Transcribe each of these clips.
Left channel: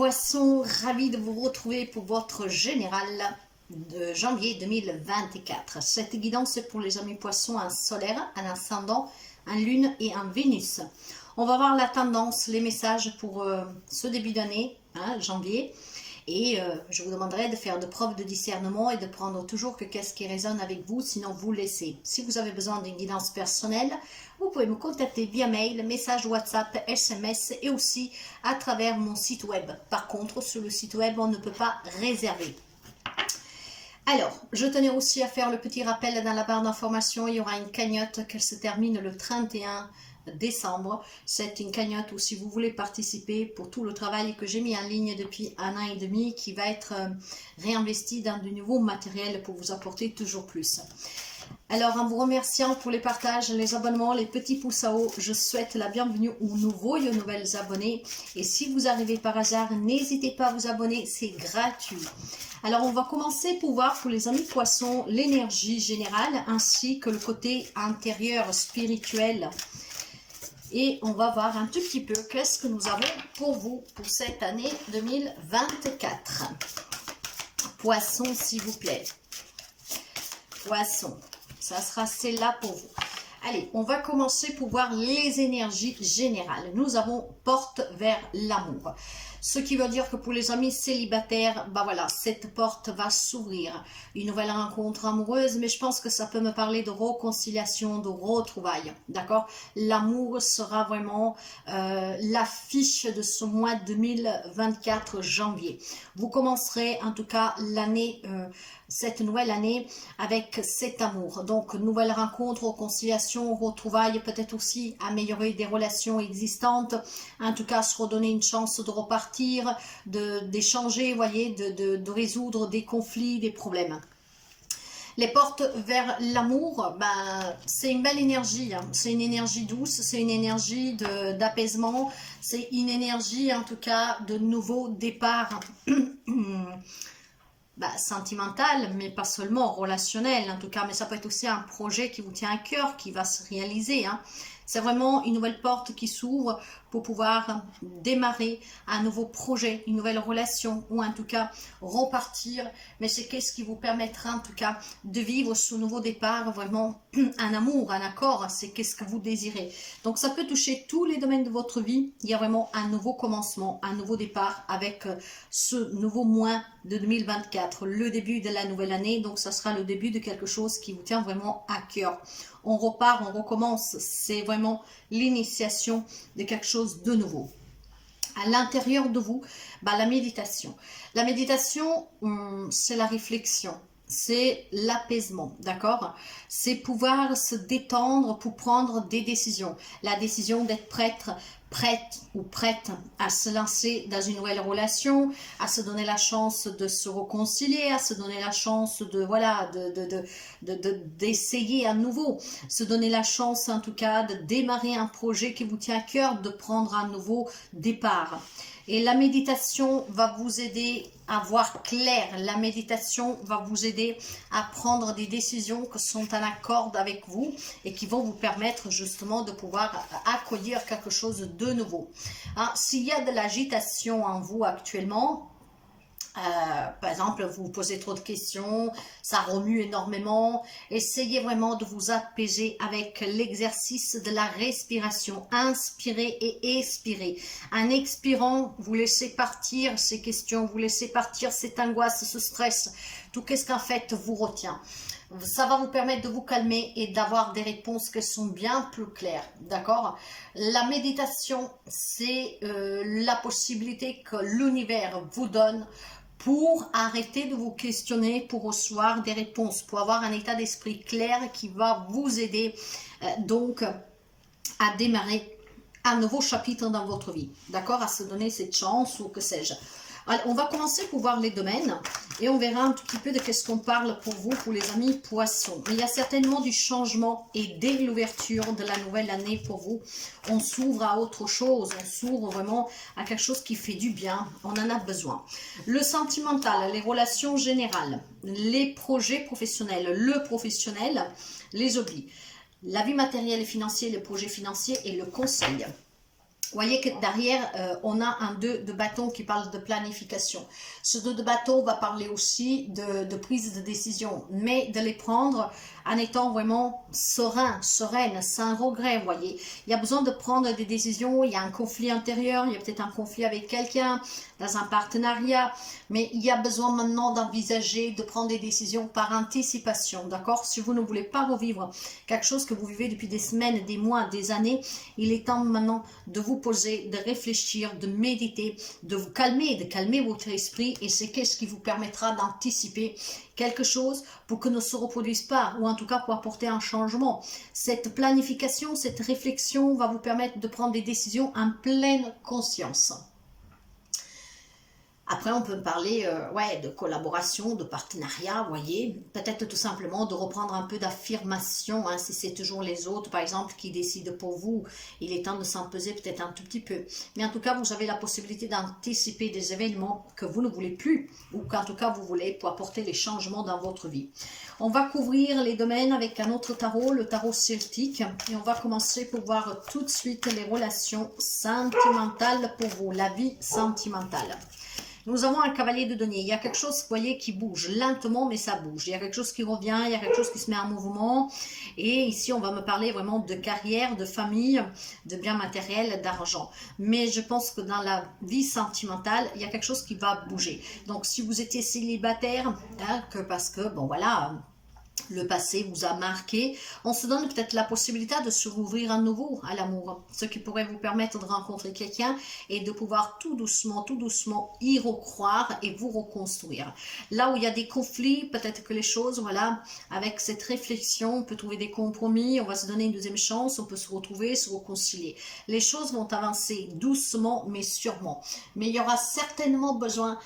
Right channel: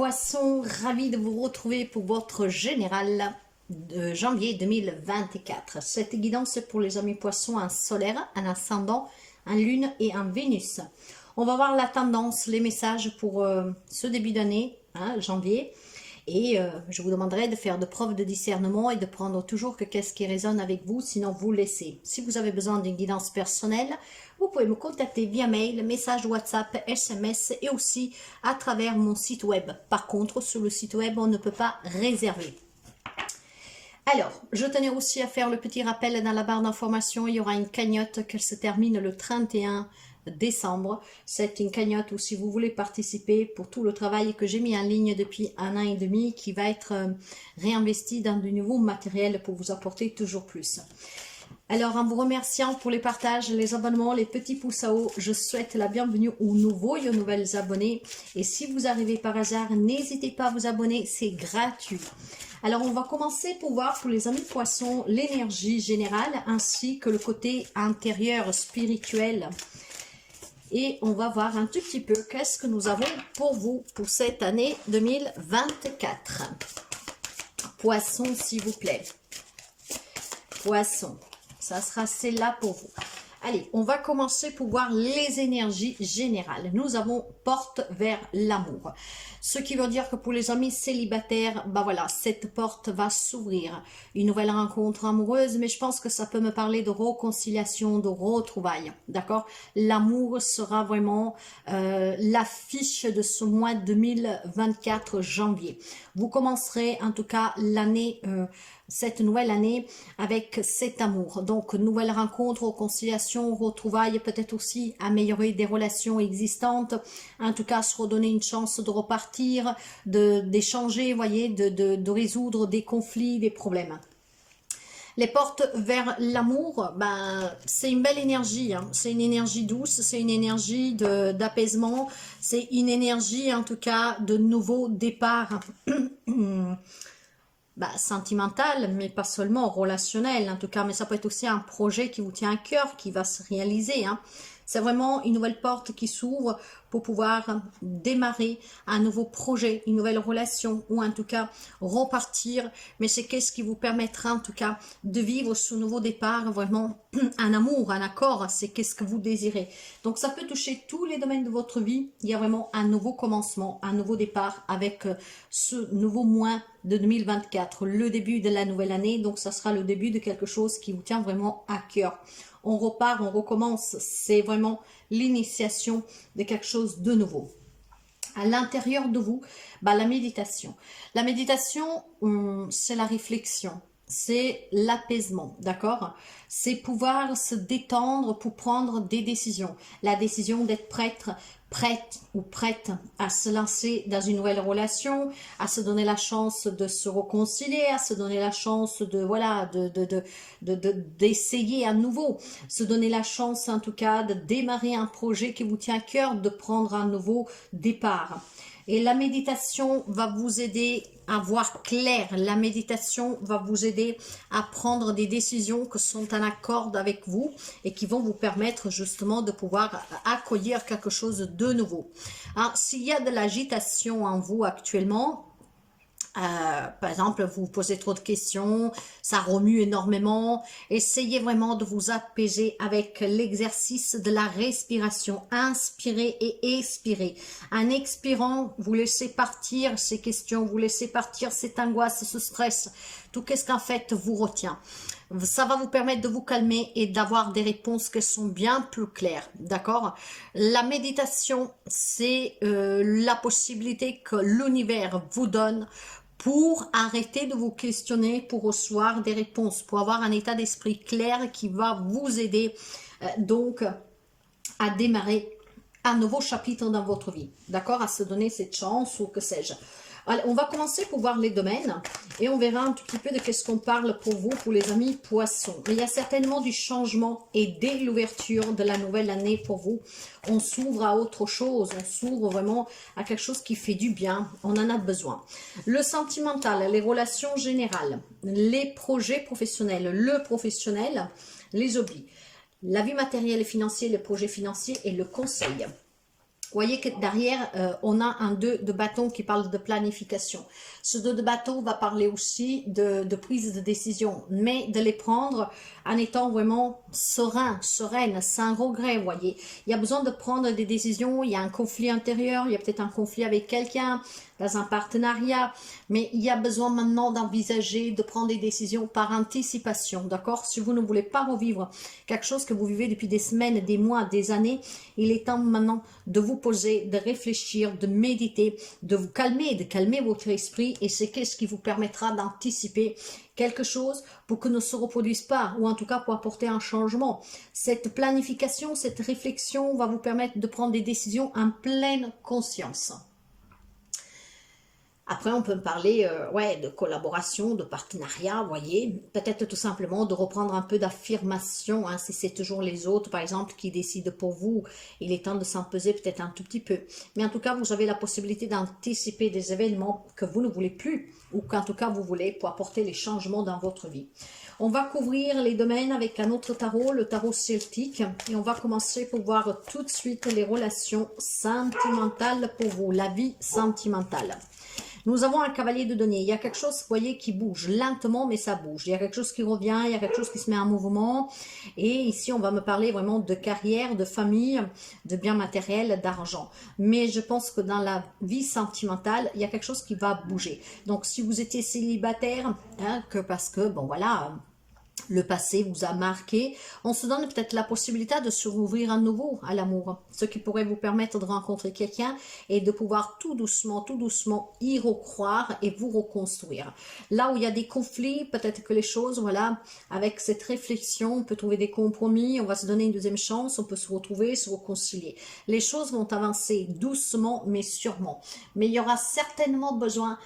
Poissons, ravi de vous retrouver pour votre général de janvier 2024. Cette guidance est pour les amis poissons, un solaire, un ascendant, un lune et un Vénus. On va voir la tendance, les messages pour ce début d'année, janvier. Et je vous demanderai de faire de preuves de discernement et de prendre toujours que qu'est-ce qui résonne avec vous, sinon vous laissez. Si vous avez besoin d'une guidance personnelle, vous pouvez me contacter via mail, message WhatsApp, SMS et aussi à travers mon site web. Par contre, sur le site web, on ne peut pas réserver. Alors, je tenais aussi à faire le petit rappel dans la barre d'information, il y aura une cagnotte qui se termine le 31 décembre. C'est une cagnotte où si vous voulez participer pour tout le travail que j'ai mis en ligne depuis 1 an et demi qui va être réinvesti dans du nouveau matériel pour vous apporter toujours plus. Alors en vous remerciant pour les partages, les abonnements, les petits pouces à haut, je souhaite la bienvenue aux nouveaux et aux nouvelles abonnés. Et si vous arrivez par hasard, n'hésitez pas à vous abonner, c'est gratuit. Alors on va commencer pour voir pour les amis poissons l'énergie générale ainsi que le côté intérieur spirituel. Et on va voir un tout petit peu qu'est-ce que nous avons pour vous pour cette année 2024. Poissons, s'il vous plaît. Poissons, ça sera celle-là pour vous. Allez, on va commencer pour voir les énergies générales. Nous avons porte vers l'amour. Ce qui veut dire que pour les amis célibataires, bah voilà, cette porte va s'ouvrir. Une nouvelle rencontre amoureuse, mais je pense que ça peut me parler de réconciliation, de retrouvailles. D'accord? L'amour sera vraiment l'affiche de ce mois 2024 janvier. Vous commencerez en tout cas l'année, cette nouvelle année avec cet amour. Donc, nouvelle rencontre, réconciliation, retrouvailles, peut-être aussi améliorer des relations existantes. En tout cas, se redonner une chance de repartir, d'échanger, voyez, de résoudre des conflits, des problèmes. Les portes vers l'amour, ben, c'est une belle énergie, hein. C'est une énergie douce, c'est une énergie d'apaisement, c'est une énergie en tout cas de nouveau départ. Bah, sentimental, mais pas seulement relationnel en tout cas, mais ça peut être aussi un projet qui vous tient à cœur, qui va se réaliser, hein. C'est vraiment une nouvelle porte qui s'ouvre pour pouvoir démarrer un nouveau projet, une nouvelle relation, ou en tout cas repartir, mais c'est qu'est-ce qui vous permettra en tout cas de vivre ce nouveau départ, vraiment un amour, un accord, c'est qu'est-ce que vous désirez. Donc ça peut toucher tous les domaines de votre vie, il y a vraiment un nouveau commencement, un nouveau départ avec ce nouveau mois de 2024, le début de la nouvelle année, donc ça sera le début de quelque chose qui vous tient vraiment à cœur. On repart, on recommence, c'est vraiment l'initiation de quelque chose de nouveau. À l'intérieur de vous, bah, la méditation. La méditation, c'est la réflexion, c'est l'apaisement, d'accord? C'est pouvoir se détendre pour prendre des décisions. La décision d'être prête ou prête à se lancer dans une nouvelle relation, à se donner la chance de se réconcilier, à se donner la chance de voilà d'essayer à nouveau, se donner la chance en tout cas de démarrer un projet qui vous tient à cœur, de prendre un nouveau départ. Et la méditation va vous aider à voir clair. La méditation va vous aider à prendre des décisions qui sont en accord avec vous et qui vont vous permettre justement de pouvoir accueillir quelque chose de nouveau. Hein, s'il y a de l'agitation en vous actuellement, par exemple, vous vous posez trop de questions, ça remue énormément. Essayez vraiment de vous apaiser avec l'exercice de la respiration. Inspirez et expirez. En expirant, vous laissez partir ces questions, vous laissez partir cette angoisse, ce stress, tout ce qu'en fait vous retient. Ça va vous permettre de vous calmer et d'avoir des réponses qui sont bien plus claires, d'accord? La méditation, c'est la possibilité que l'univers vous donne pour arrêter de vous questionner, pour recevoir des réponses, pour avoir un état d'esprit clair qui va vous aider donc à démarrer un nouveau chapitre dans votre vie, d'accord? À se donner cette chance ou que sais-je. Alors, on va commencer pour voir les domaines et on verra un tout petit peu de qu'est-ce qu'on parle pour vous, pour les amis poissons. Mais il y a certainement du changement et dès l'ouverture de la nouvelle année pour vous, on s'ouvre à autre chose, on s'ouvre vraiment à quelque chose qui fait du bien, on en a besoin. Le sentimental, les relations générales, les projets professionnels, le professionnel, les hobbies, la vie matérielle et financière, les projets financiers et le conseil. voyez que derrière, on a un 2 de bâton qui parle de planification. Ce 2 de bâton va parler aussi de prise de décision, mais de les prendre en étant vraiment serein, sereine, sans regret, voyez. Il y a besoin de prendre des décisions, il y a un conflit intérieur, il y a peut-être un conflit avec quelqu'un, dans un partenariat, mais il y a besoin maintenant d'envisager, de prendre des décisions par anticipation, d'accord? Si vous ne voulez pas revivre quelque chose que vous vivez depuis des semaines, des mois, des années, il est temps maintenant de vous poser, de réfléchir, de méditer, de vous calmer, de calmer votre esprit, et c'est qu'est-ce qui vous permettra d'anticiper quelque chose pour que ne se reproduise pas, ou en tout cas pour apporter un changement. Cette planification, cette réflexion va vous permettre de prendre des décisions en pleine conscience. Après, on peut me parler ouais, de collaboration, de partenariat, voyez. Peut-être tout simplement de reprendre un peu d'affirmation, hein, si c'est toujours les autres, par exemple, qui décident pour vous. Il est temps de s'en peser peut-être un tout petit peu. Mais en tout cas, vous avez la possibilité d'anticiper des événements que vous ne voulez plus, ou qu'en tout cas, vous voulez pour apporter les changements dans votre vie. On va couvrir les domaines avec un autre tarot, le tarot celtique. Et on va commencer pour voir tout de suite les relations sentimentales pour vous, la vie sentimentale. Nous avons un cavalier de denier. Il y a quelque chose, vous voyez, qui bouge lentement, mais ça bouge. Il y a quelque chose qui revient, il y a quelque chose qui se met en mouvement. Et ici, on va me parler vraiment de carrière, de famille, de biens matériels, d'argent. Mais je pense que dans la vie sentimentale, il y a quelque chose qui va bouger. Donc, si vous étiez célibataire, hein, parce que, bon, voilà, le passé vous a marqué, on se donne peut-être la possibilité de se rouvrir à nouveau à l'amour, ce qui pourrait vous permettre de rencontrer quelqu'un et de pouvoir tout doucement y recroire et vous reconstruire. Là où il y a des conflits, peut-être que les choses, voilà, avec cette réflexion, on peut trouver des compromis, on va se donner une deuxième chance, on peut se retrouver, se réconcilier. Les choses vont avancer doucement mais sûrement. Mais il y aura certainement besoin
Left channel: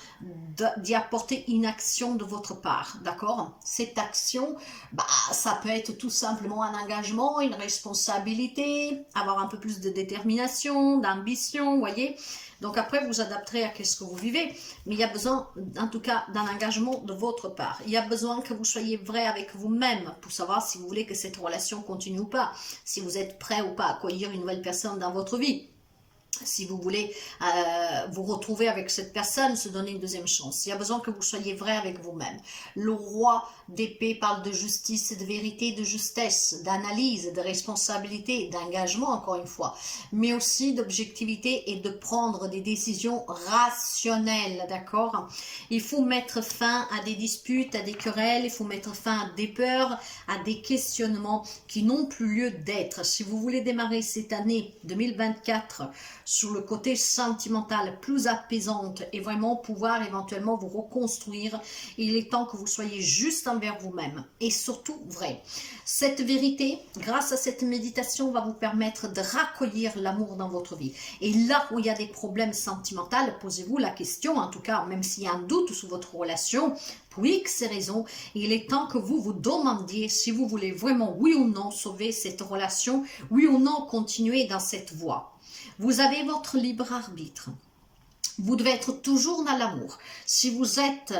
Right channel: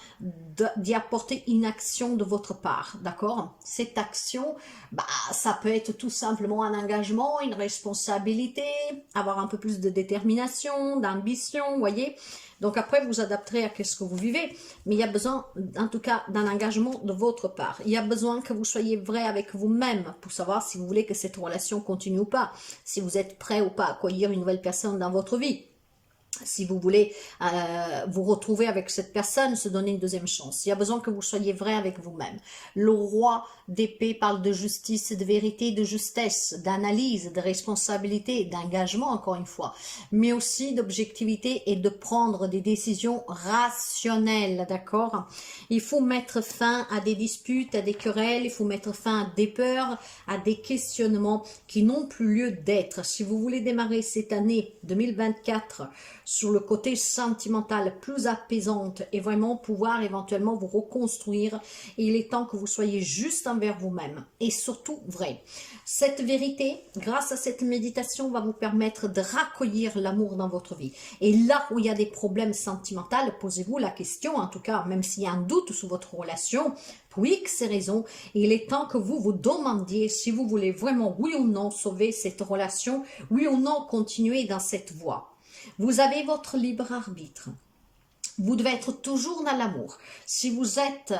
d'y apporter une action de votre part, d'accord? Cette action, bah, ça peut être tout simplement un engagement, une responsabilité, avoir un peu plus de détermination, d'ambition, vous voyez. Donc après, vous adapterez à ce que vous vivez, mais il y a besoin, en tout cas, d'un engagement de votre part. Il y a besoin que vous soyez vrai avec vous-même pour savoir si vous voulez que cette relation continue ou pas, si vous êtes prêt ou pas à accueillir une nouvelle personne dans votre vie. Si vous voulez vous retrouver avec cette personne, se donner une deuxième chance. Il y a besoin que vous soyez vrai avec vous-même. Le roi d'épée parle de justice, de vérité, de justesse, d'analyse, de responsabilité, d'engagement, encore une fois, mais aussi d'objectivité et de prendre des décisions rationnelles, d'accord? Il faut mettre fin à des disputes, à des querelles, il faut mettre fin à des peurs, à des questionnements qui n'ont plus lieu d'être. Si vous voulez démarrer cette année 2024 sur le côté sentimental plus apaisante et vraiment pouvoir éventuellement vous reconstruire, il est temps que vous soyez juste envers vous-même et surtout vrai. Cette vérité, grâce à cette méditation, va vous permettre de raccueillir l'amour dans votre vie. Et là où il y a des problèmes sentimentaux, posez-vous la question, en tout cas, même s'il y a un doute sur votre relation, pour X raisons, il est temps que vous vous demandiez si vous voulez vraiment, oui ou non, sauver cette relation, oui ou non, continuer dans cette voie. Vous avez votre libre arbitre. Vous devez être toujours dans l'amour. Si vous êtes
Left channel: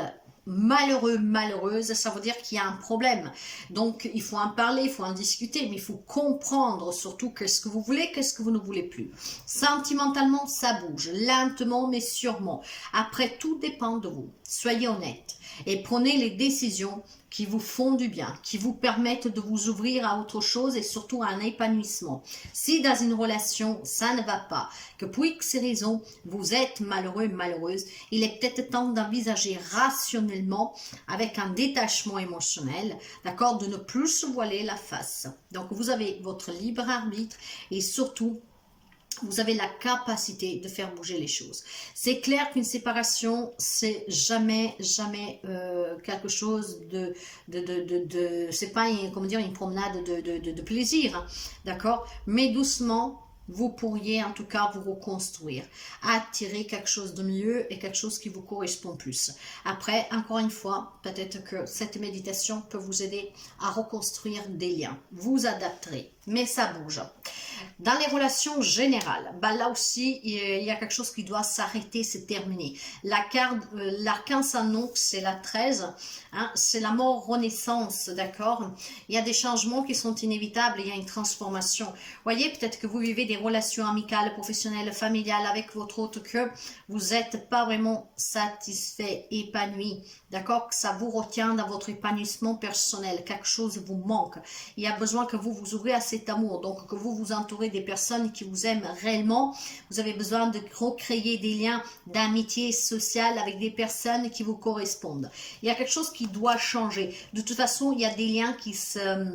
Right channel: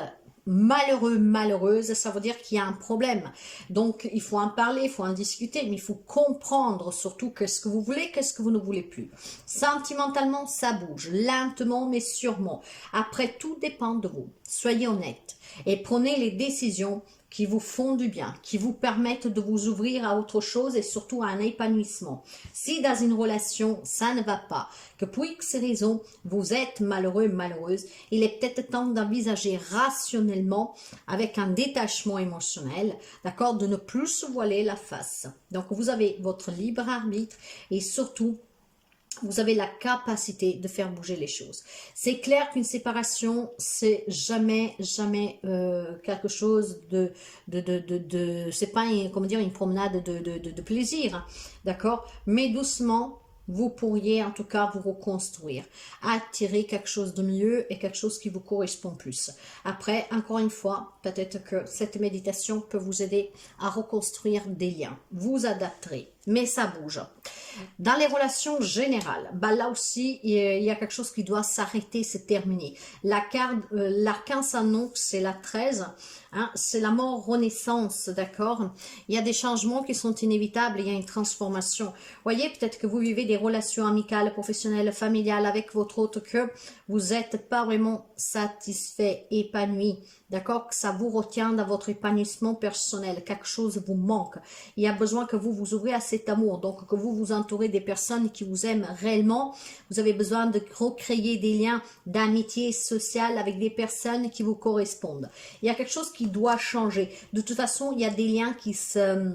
malheureux, malheureuse, ça veut dire qu'il y a un problème. Donc, il faut en parler, il faut en discuter, mais il faut comprendre surtout qu'est-ce que vous voulez, qu'est-ce que vous ne voulez plus. Sentimentalement, ça bouge, lentement mais sûrement. Après, tout dépend de vous. Soyez honnête et prenez les décisions qui vous font du bien, qui vous permettent de vous ouvrir à autre chose et surtout à un épanouissement. Si dans une relation, ça ne va pas, que pour X raisons, vous êtes malheureux, malheureuse, il est peut-être temps d'envisager rationnellement, avec un détachement émotionnel, d'accord, de ne plus se voiler la face. Donc, vous avez votre libre arbitre et surtout, vous avez la capacité de faire bouger les choses. C'est clair qu'une séparation, c'est jamais quelque chose c'est pas comment dire, une promenade de plaisir, hein, d'accord? Mais doucement, vous pourriez en tout cas vous reconstruire, attirer quelque chose de mieux et quelque chose qui vous correspond plus. Après, encore une fois, peut-être que cette méditation peut vous aider à reconstruire des liens. Vous adapterez. mais ça bouge. Dans les relations générales, bah là aussi, il y a quelque chose qui doit s'arrêter, c'est terminé. L'arcane s'annonce, c'est la 13, hein, c'est la mort renaissance, d'accord? Il y a des changements qui sont inévitables, il y a une transformation. Voyez, peut-être que vous vivez des relations amicales, professionnelles, familiales avec votre autre, que vous n'êtes pas vraiment satisfait, épanoui, d'accord? Que ça vous retient dans votre épanouissement personnel, quelque chose vous manque. Il y a besoin que vous vous ouvrez à cet amour, donc que vous vous entourez des personnes qui vous aiment réellement. Vous avez besoin de recréer des liens d'amitié sociale avec des personnes qui vous correspondent. Il y a quelque chose qui doit changer. De toute façon, il y a des liens qui se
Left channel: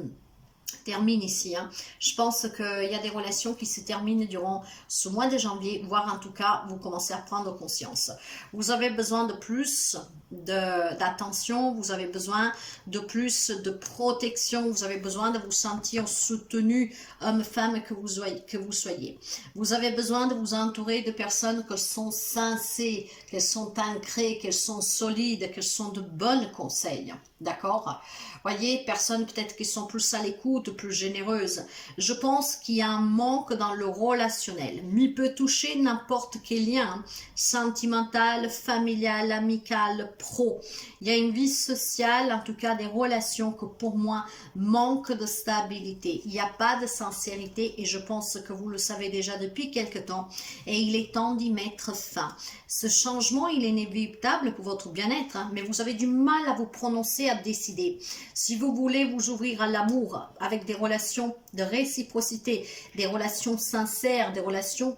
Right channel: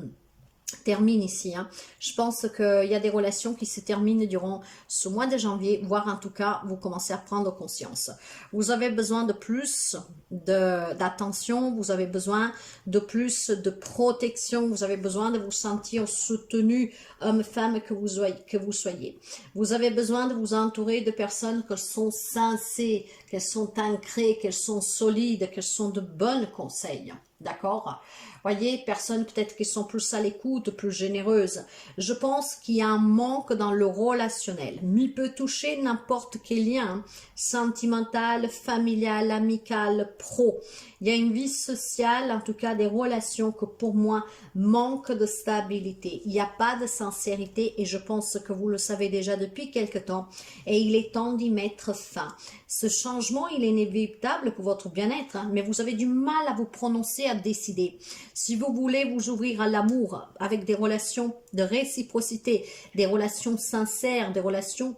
termine ici. Hein. Je pense qu'il y a des relations qui se terminent durant ce mois de janvier, voire en tout cas, vous commencez à prendre conscience. Vous avez besoin de plus d'attention, vous avez besoin de plus de protection, vous avez besoin de vous sentir soutenu, homme, femme que vous soyez. Vous avez besoin de vous entourer de personnes qui sont sensées, qu'elles sont ancrées, qu'elles sont solides, qu'elles sont de bons conseils. D'accord? Voyez, personnes peut-être qui sont plus à l'écoute, plus généreuses. Je pense qu'il y a un manque dans le relationnel. Mais il peut toucher n'importe quel lien, sentimental, familial, amical, pro. Il y a une vie sociale, en tout cas des relations que pour moi manquent de stabilité. Il n'y a pas de sincérité et je pense que vous le savez déjà depuis quelque temps et il est temps d'y mettre fin. Ce changement, il est inévitable pour votre bien-être, hein, mais vous avez du mal à vous prononcer, à décider. Si vous voulez vous ouvrir à l'amour avec des relations de réciprocité, des relations sincères, des relations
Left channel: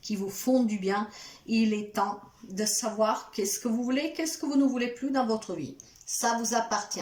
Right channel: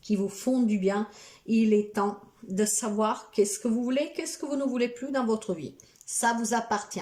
qui vous font du bien, il est temps de savoir qu'est-ce que vous voulez, qu'est-ce que vous ne voulez plus dans votre vie. Ça vous appartient.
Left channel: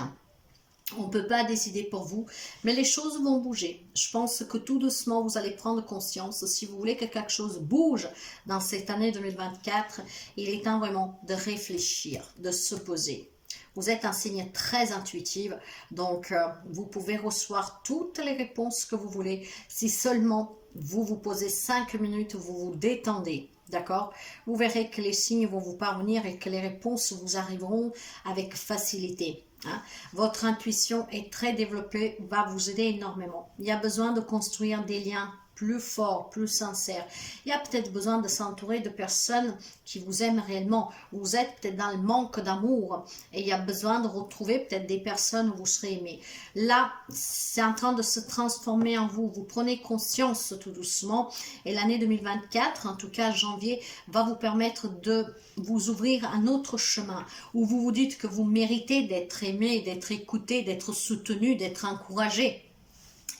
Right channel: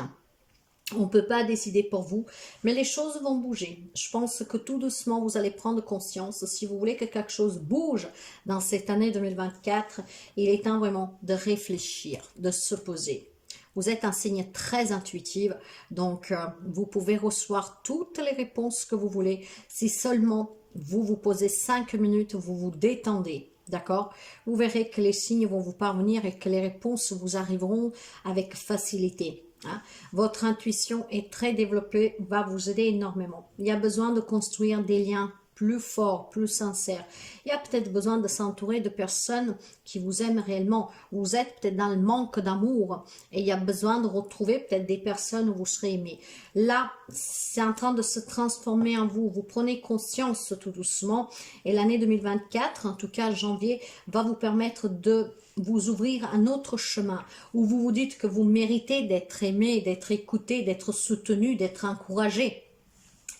On ne peut pas décider pour vous, mais les choses vont bouger. Je pense que tout doucement, vous allez prendre conscience. Si vous voulez que quelque chose bouge dans cette année 2024, il est temps vraiment de réfléchir, de se poser. Vous êtes un signe très intuitif, donc vous pouvez recevoir toutes les réponses que vous voulez. Si seulement vous vous posez 5 minutes, vous vous détendez. D'accord? Vous verrez que les signes vont vous parvenir et que les réponses vous arriveront avec facilité. Hein? Votre intuition est très développée, va vous aider énormément. Il y a besoin de construire des liens plus forts, plus sincères. Il y a peut-être besoin de s'entourer de personnes qui vous aiment réellement. Vous êtes peut-être dans le manque d'amour et il y a besoin de retrouver peut-être des personnes où vous serez aimé. Là, c'est en train de se transformer en vous. Vous prenez conscience tout doucement et l'année 2024, en tout cas janvier, va vous permettre de vous ouvrir un autre chemin où vous vous dites que vous méritez d'être aimé, d'être écouté, d'être soutenu, d'être encouragé.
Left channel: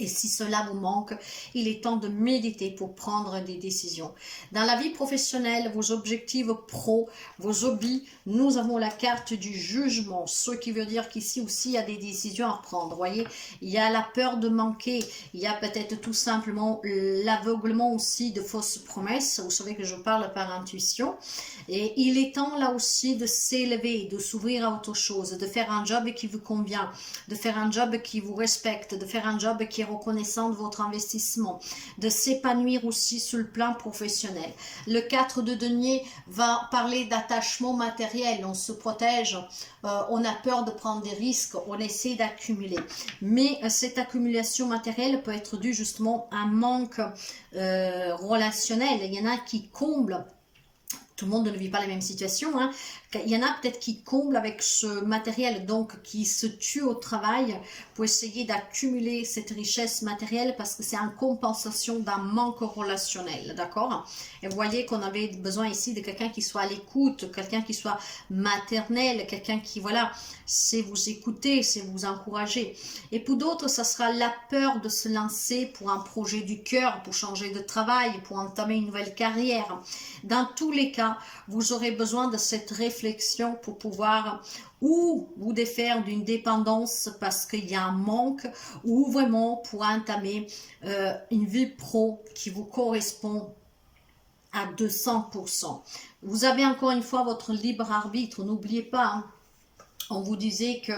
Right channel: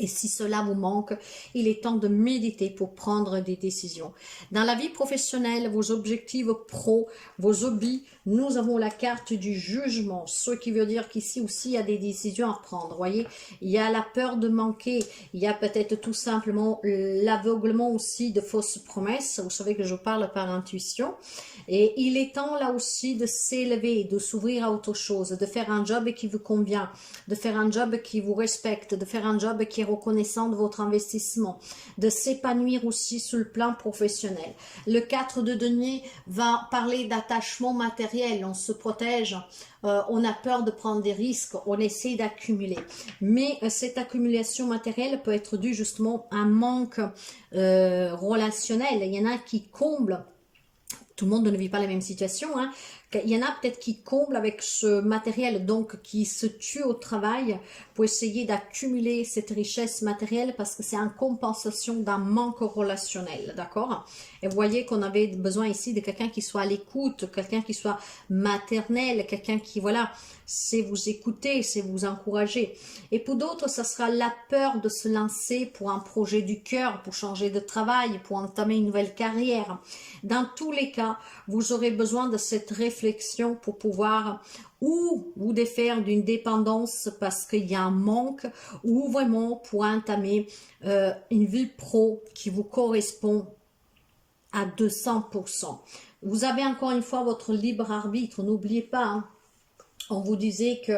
Et si cela vous manque, il est temps de méditer pour prendre des décisions. Dans la vie professionnelle, vos objectifs pro, vos hobbies, nous avons la carte du jugement. Ce qui veut dire qu'ici aussi, il y a des décisions à prendre. Voyez, il y a la peur de manquer. Il y a peut-être tout simplement l'aveuglement aussi de fausses promesses. Vous savez que je parle par intuition. Et il est temps là aussi de s'élever, de s'ouvrir à autre chose, de faire un job qui vous convient, de faire un job qui vous respecte, de faire un job qui est reconnaissant de votre investissement, de s'épanouir aussi sur le plan professionnel. Le 4 de denier va parler d'attachement matériel, on se protège, on a peur de prendre des risques, on essaie d'accumuler. Mais cette accumulation matérielle peut être due justement à un manque relationnel. Il y en a qui comblent. Tout le monde ne vit pas la même situation. Hein. Il y en a peut-être qui comblent avec ce matériel, donc qui se tuent au travail pour essayer d'accumuler cette richesse matérielle parce que c'est en compensation d'un manque relationnel. D'accord? Et vous voyez qu'on avait besoin ici de quelqu'un qui soit à l'écoute, quelqu'un qui soit maternel, quelqu'un qui, voilà, sait vous écouter, sait vous encourager. Et pour d'autres, ça sera la peur de se lancer pour un projet du cœur, pour changer de travail, pour entamer une nouvelle carrière. Dans tous les cas, vous aurez besoin de cette réflexion pour pouvoir ou vous défaire d'une dépendance parce qu'il y a un manque ou vraiment pour entamer une vie pro qui vous correspond à 200%. Vous avez encore une fois votre libre arbitre, n'oubliez pas, hein. On vous disait que,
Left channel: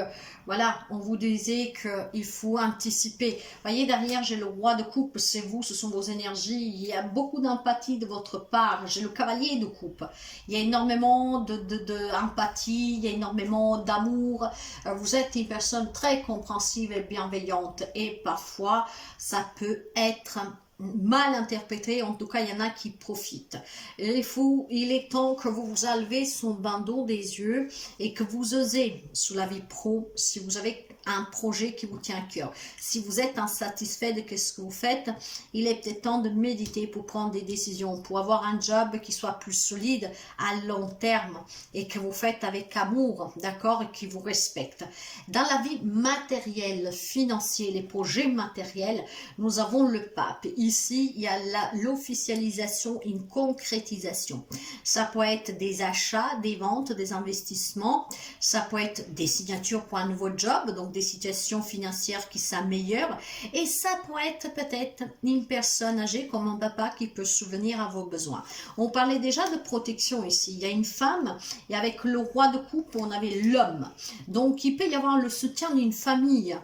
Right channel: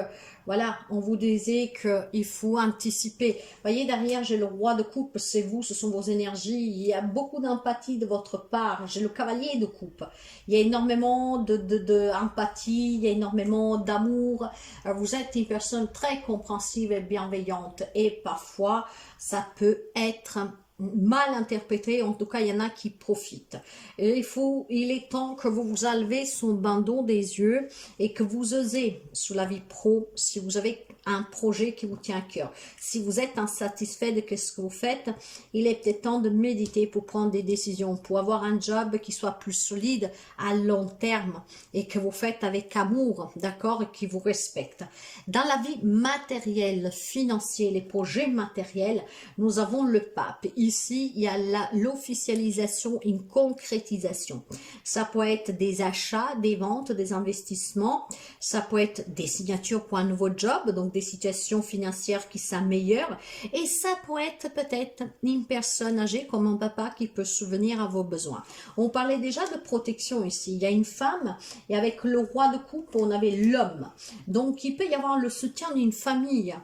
voilà, on vous disait qu'il faut anticiper. Voyez, derrière, j'ai le roi de coupe, c'est vous, ce sont vos énergies. Il y a beaucoup d'empathie de votre part. J'ai le cavalier de coupe. Il y a énormément d'empathie, il y a énormément d'amour. Vous êtes une personne très compréhensive et bienveillante. Et parfois, ça peut être mal interprété, en tout cas il y en a qui profitent. Et il est temps que vous vous enlevez son bandeau des yeux et que vous osez sur la vie pro, si vous avez un projet qui vous tient à cœur. Si vous êtes insatisfait de ce que vous faites, il est peut-être temps de méditer pour prendre des décisions, pour avoir un job qui soit plus solide à long terme et que vous faites avec amour, d'accord, et qui vous respecte. Dans la vie matérielle, financière, les projets matériels, nous avons le pape. Ici, il y a l'officialisation, une concrétisation. Ça peut être des achats, des ventes, des investissements. Ça peut être des signatures pour un nouveau job, donc des situations financières qui s'améliorent. Et ça peut être peut-être une personne âgée comme un papa qui peut subvenir à vos besoins. On parlait déjà de protection ici. Il y a une femme et avec le roi de coupe, on avait l'homme. Donc, il peut y avoir le soutien d'une famille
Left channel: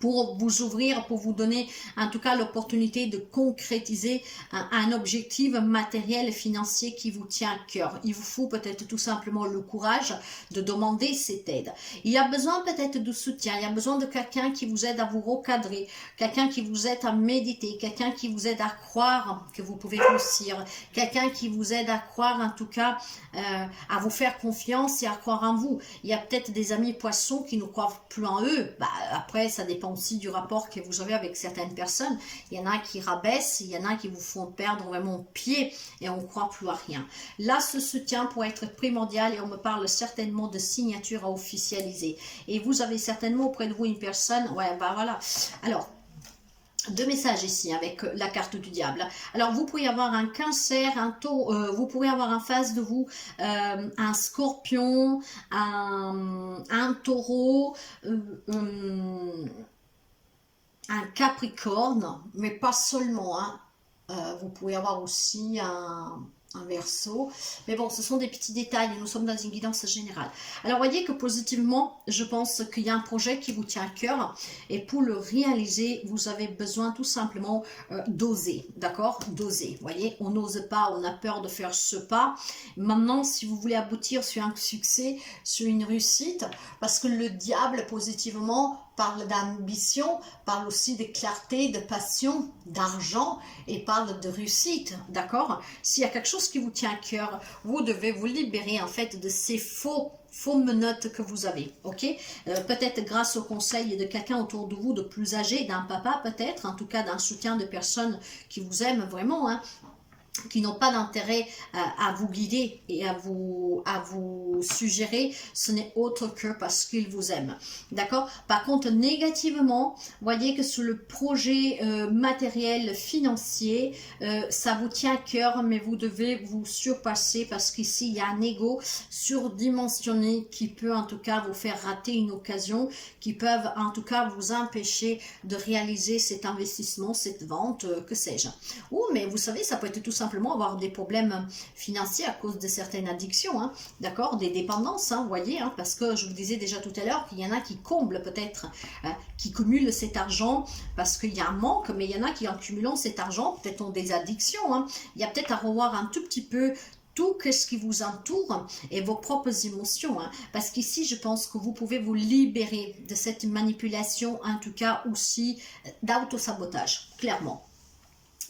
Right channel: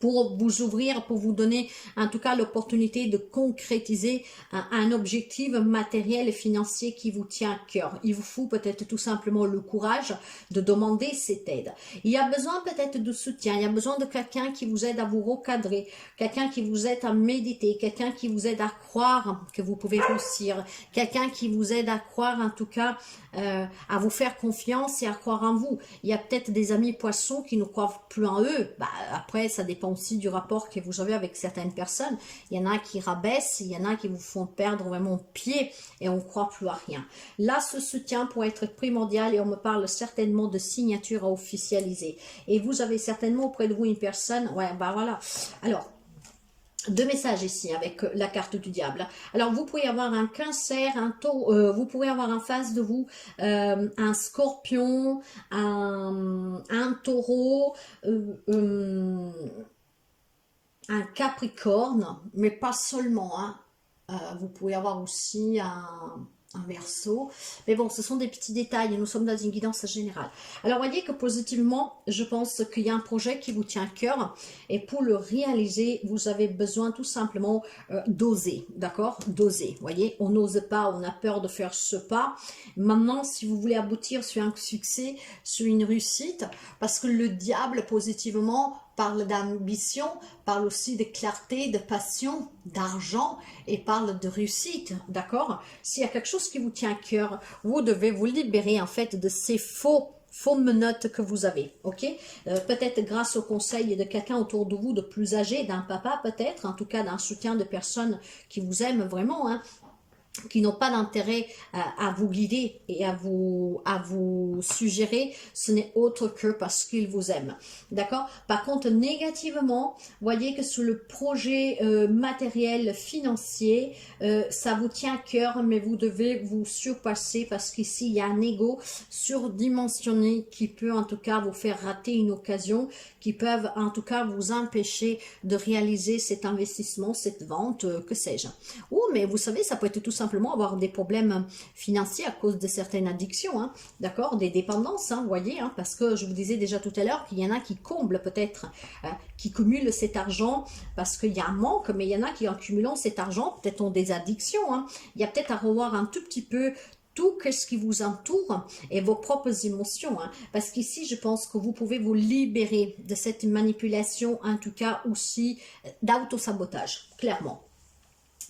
pour vous ouvrir, pour vous donner en tout cas l'opportunité de concrétiser un objectif matériel et financier qui vous tient à cœur. Il vous faut peut-être tout simplement le courage de demander cette aide. Il y a besoin peut-être de soutien, il y a besoin de quelqu'un qui vous aide à vous recadrer, quelqu'un qui vous aide à méditer, quelqu'un qui vous aide à croire que vous pouvez réussir, quelqu'un qui vous aide à croire en tout cas, à vous faire confiance et à croire en vous. Il y a peut-être des amis poissons qui ne croient plus en eux. Après, ça dépend aussi du rapport que vous avez avec certaines personnes. Il y en a qui rabaissent, il y en a qui vous font perdre vraiment pied et on ne croit plus à rien. Là, ce soutien pourrait être primordial et on me parle certainement de signature à officialiser. Et vous avez certainement auprès de vous une personne, voilà. Alors, deux messages ici avec la carte du diable. Alors, vous pourriez avoir un cancer, un taureau, vous pourrez avoir en face de vous un scorpion, un taureau, un capricorne, mais pas seulement. Hein. Vous pouvez avoir aussi un verseau. Mais bon, ce sont des petits détails et nous sommes dans une guidance générale. Alors, voyez que positivement, je pense qu'il y a un projet qui vous tient à cœur et pour le réaliser, vous avez besoin tout simplement d'oser, d'accord? D'oser, voyez, on n'ose pas, on a peur de faire ce pas. Maintenant, si vous voulez aboutir sur un succès, sur une réussite, parce que le diable, positivement, parle d'ambition, parle aussi de clarté, de passion, d'argent et parle de réussite, d'accord? S'il y a quelque chose qui vous tient à cœur, vous devez vous libérer en fait de ces faux menottes que vous avez, ok? Peut-être grâce au conseil de quelqu'un autour de vous de plus âgé, d'un papa peut-être, en tout cas d'un soutien de personnes qui vous aiment vraiment, hein, qui n'ont pas d'intérêt à vous guider et à vous suggérer, ce n'est autre que parce qu'ils vous aiment. D'accord? Par contre, négativement, voyez que sur le projet matériel, financier, ça vous tient à cœur, mais vous devez vous surpasser parce qu'ici, il y a un ego surdimensionné qui peut en tout cas vous faire rater une occasion, qui peuvent en tout cas vous empêcher de réaliser cet investissement, cette vente, que sais-je. Ou, mais vous savez, ça peut être tout simplement avoir des problèmes financiers à cause de certaines addictions, hein, d'accord, des dépendances, hein, vous voyez, hein, parce que je vous disais déjà tout à l'heure qu'il y en a qui comblent peut-être, qui cumulent cet argent parce qu'il y a un manque, mais il y en a qui en cumulant cet argent peut-être ont des addictions, hein. Il y a peut-être à revoir un tout petit peu tout ce qui vous entoure et vos propres émotions, hein, parce qu'ici je pense que vous pouvez vous libérer de cette manipulation, en tout cas aussi d'autosabotage, clairement.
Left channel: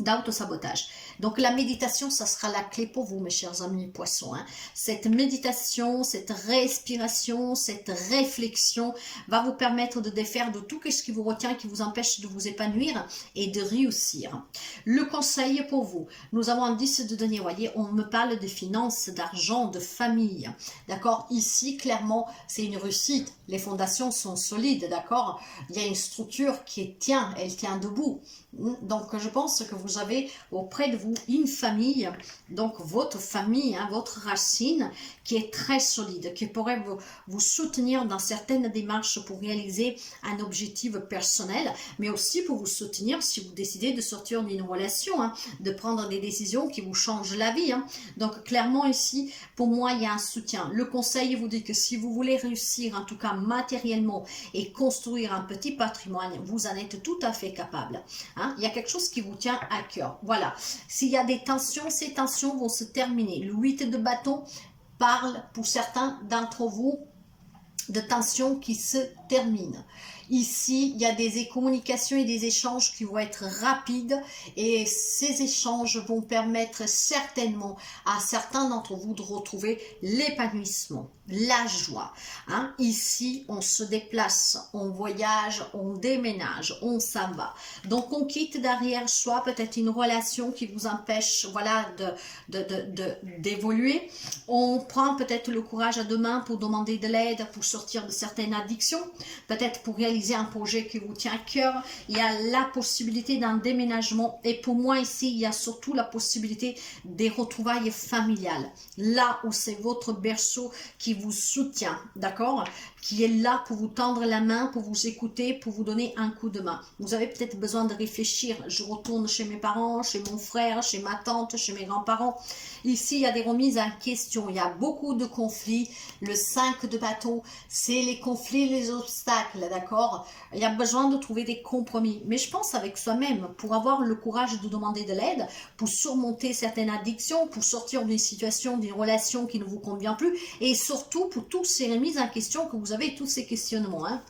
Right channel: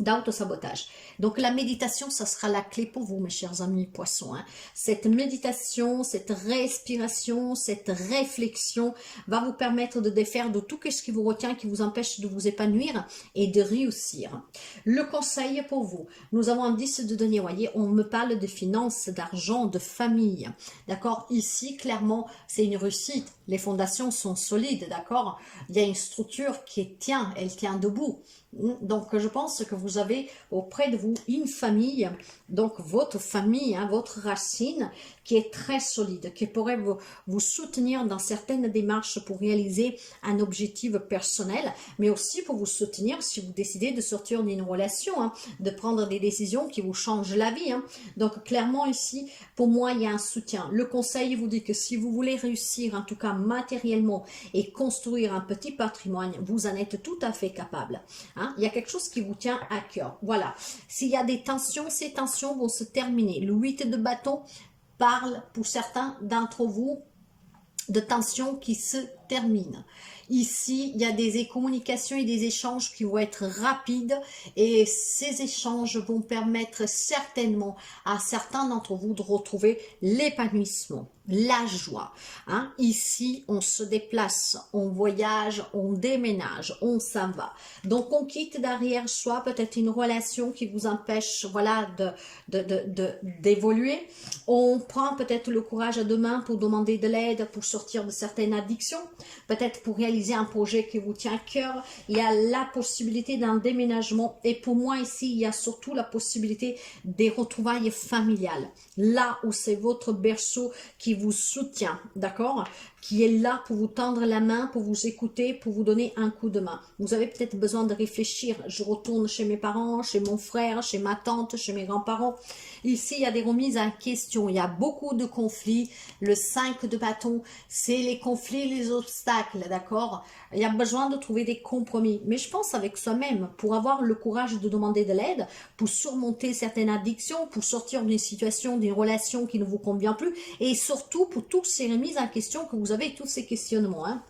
D'autosabotage. Donc la méditation, ça sera la clé pour vous, mes chers amis poissons. Hein. Cette méditation, cette respiration, cette réflexion va vous permettre de défaire de tout ce qui vous retient, qui vous empêche de vous épanouir et de réussir. Le conseil pour vous, nous avons un 10 de denier, voyez, on me parle de finances, d'argent, de famille. D'accord? Ici, clairement, c'est une réussite. Les fondations sont solides, d'accord? Il y a une structure qui tient, elle tient debout. Donc, je pense que vous avez auprès de vous une famille, donc votre famille, hein, votre racine, qui est très solide, qui pourrait vous soutenir dans certaines démarches pour réaliser un objectif personnel, mais aussi pour vous soutenir si vous décidez de sortir d'une relation, hein, de prendre des décisions qui vous changent la vie. Hein. Donc, clairement ici, pour moi, il y a un soutien. Le conseil vous dit que si vous voulez réussir, en tout cas matériellement, et construire un petit patrimoine, vous en êtes tout à fait capable. Hein. Il y a quelque chose qui vous tient à cœur. Voilà. S'il y a des tensions, ces tensions vont se terminer. Le 8 de bâton parle pour certains d'entre vous de tensions qui se terminent. Ici, il y a des communications et des échanges qui vont être rapides et ces échanges vont permettre certainement à certains d'entre vous de retrouver l'épanouissement, la joie. Hein? Ici, on se déplace, on voyage, on déménage, on s'en va. Donc, on quitte derrière soi peut-être une relation qui vous empêche voilà, d'évoluer. On prend peut-être le courage à deux mains pour demander de l'aide, pour sortir de certaines addictions, peut-être pour réaliser un projet qui vous tient à cœur. Il y a la possibilité d'un déménagement et pour moi ici, il y a surtout la possibilité des retrouvailles familiales. Là où c'est votre berceau qui vous soutient, d'accord? Qui est là pour vous tendre la main, pour vous écouter, pour vous donner un coup de main. Vous avez peut-être besoin de réfléchir. Je retourne chez mes parents, chez mon frère, chez ma tante, chez mes grands-parents. Ici, il y a des remises en question. Il y a beaucoup de conflits. Le 5 de bâton, c'est les conflits, les obstacles, d'accord? Il y a besoin de trouver des compromis. Mais je pense avec soi-même, pour avoir le courage de demander de l'aide, pour surmonter certaines addictions, pour sortir d'une situation, d'une relation qui ne vous convient plus, et surtout pour toutes ces remises en question que vous avez, tous ces questionnements. Hein.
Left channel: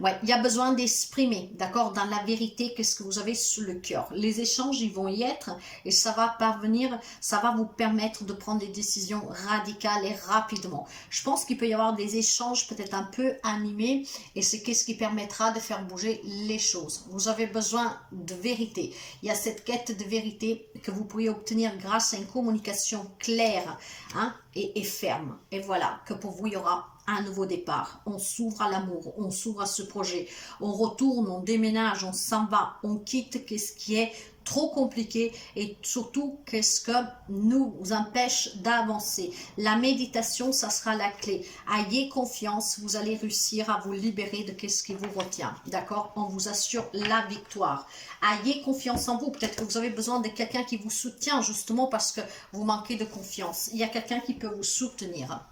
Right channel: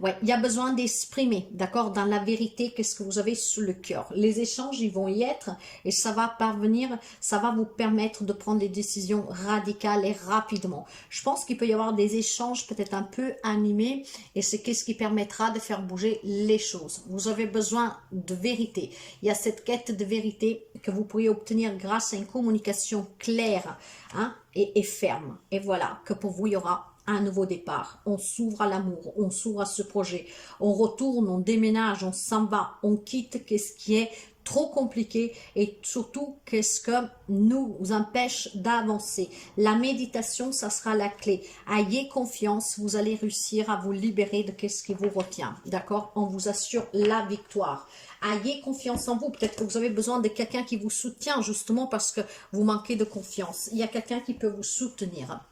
Ouais, il y a besoin d'exprimer, d'accord, dans la vérité, qu'est-ce que vous avez sous le cœur. Les échanges, ils vont y être et ça va parvenir, ça va vous permettre de prendre des décisions radicales et rapidement. Je pense qu'il peut y avoir des échanges peut-être un peu animés et c'est qu'est-ce qui permettra de faire bouger les choses. Vous avez besoin de vérité. Il y a cette quête de vérité que vous pourriez obtenir grâce à une communication claire, hein, et ferme. Et voilà, que pour vous, il y aura un nouveau départ, on s'ouvre à l'amour, on s'ouvre à ce projet, on retourne, on déménage, on s'en va, on quitte qu'est-ce qui est trop compliqué et surtout qu'est-ce que nous empêche d'avancer. La méditation, ça sera la clé. Ayez confiance, vous allez réussir à vous libérer de qu'est-ce qui vous retient, d'accord? On vous assure la victoire. Ayez confiance en vous. Peut-être que vous avez besoin de quelqu'un qui vous soutient justement parce que vous manquez de confiance. Il y a quelqu'un qui peut vous soutenir.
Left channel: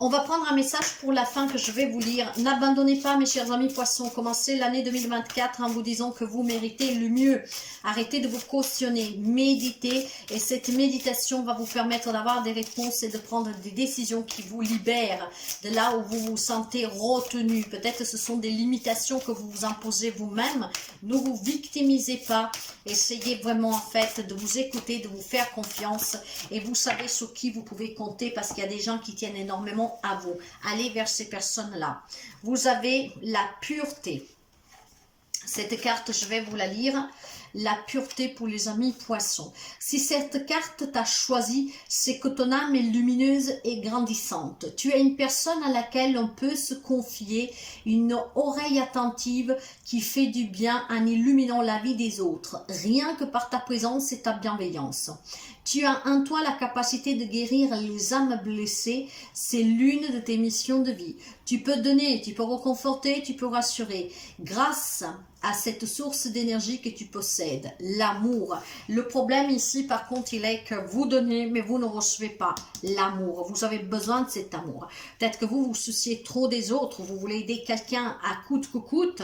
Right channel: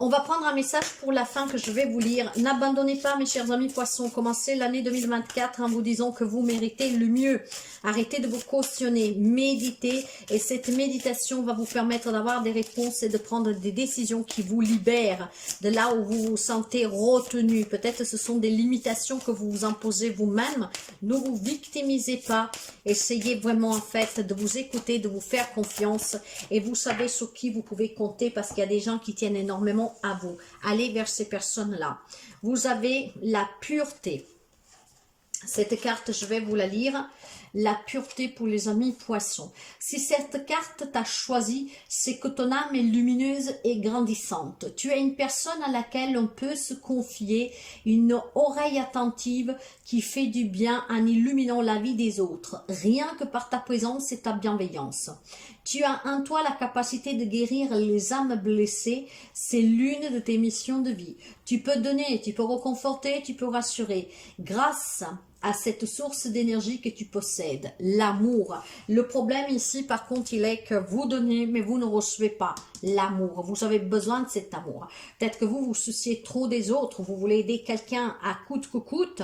On va prendre un message pour la fin que je vais vous lire. N'abandonnez pas, mes chers amis poissons. Commencez l'année 2024 en vous disant que vous méritez le mieux. Arrêtez de vous cautionner, méditez. Et cette méditation va vous permettre d'avoir des réponses et de prendre des décisions qui vous libèrent de là où vous vous sentez retenu. Peut-être ce sont des limitations que vous vous imposez vous-même. Ne vous victimisez pas. Essayez vraiment en fait de vous écouter, de vous faire confiance. Et vous savez sur qui vous pouvez compter parce qu'il y a des gens qui tiennent énormément à vous. Allez vers ces personnes-là. Vous avez la pureté. Cette carte, je vais vous la lire. La pureté pour les amis poissons. Si cette carte t'a choisi, c'est que ton âme est lumineuse et grandissante. Tu es une personne à laquelle on peut se confier, une oreille attentive qui fait du bien en illuminant la vie des autres, rien que par ta présence et ta bienveillance. Tu as en toi la capacité de guérir les âmes blessées, c'est l'une de tes missions de vie. Tu peux donner, tu peux réconforter, tu peux rassurer. Grâce à cette source d'énergie que tu possèdes, l'amour. Le problème ici, par contre, il est que vous donnez, mais vous ne recevez pas l'amour. Vous avez besoin de cet amour. Peut-être que vous vous souciez trop des autres, vous voulez aider quelqu'un à coûte que coûte,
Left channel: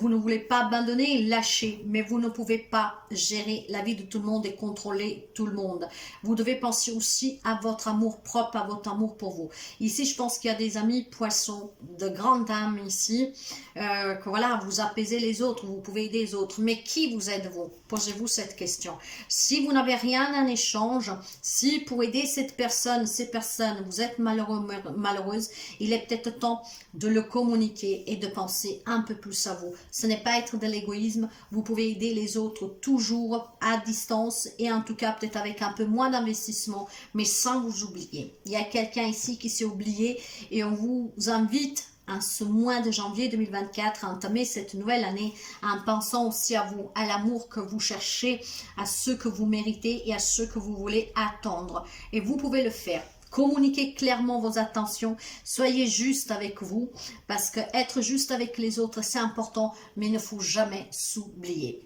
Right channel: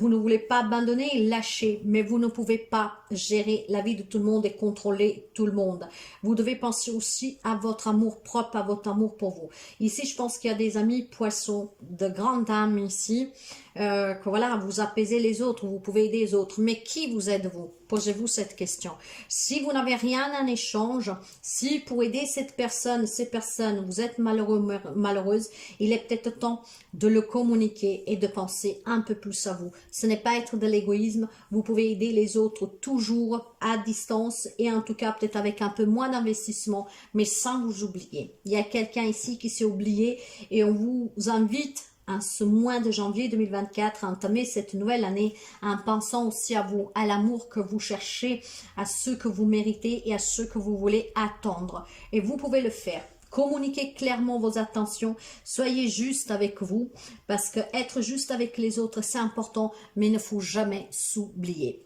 vous ne voulez pas abandonner, lâcher, mais vous ne pouvez pas gérer la vie de tout le monde et contrôler tout le monde. Vous devez penser aussi à votre amour propre, à votre amour pour vous. Ici, je pense qu'il y a des amis poissons, de grandes dames ici, que voilà, vous apaisez les autres, vous pouvez aider les autres. Mais qui vous aide-vous? Posez-vous cette question. Si vous n'avez rien en échange, si pour aider cette personne, ces personnes, vous êtes malheureux, malheureuse, il est peut-être temps de le communiquer et de penser un peu plus à vous. Ce n'est pas être de l'égoïsme, vous pouvez aider les autres toujours à distance et en tout cas peut-être avec un peu moins d'investissement, mais sans vous oublier. Il y a quelqu'un ici qui s'est oublié et on vous invite en ce mois de janvier 2024, à entamer cette nouvelle année en pensant aussi à vous, à l'amour que vous cherchez, à ce que vous méritez et à ce que vous voulez attendre. Et vous pouvez le faire. Communiquez clairement vos intentions, soyez juste avec vous, parce que être juste avec les autres, c'est important, mais il ne faut jamais s'oublier.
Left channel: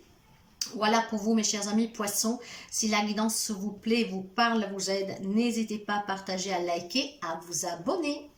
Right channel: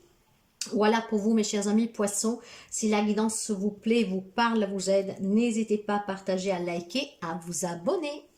Voilà pour vous, mes chers amis poissons. Si la guidance vous plaît, vous parle, vous aide, n'hésitez pas à partager, à liker, à vous abonner.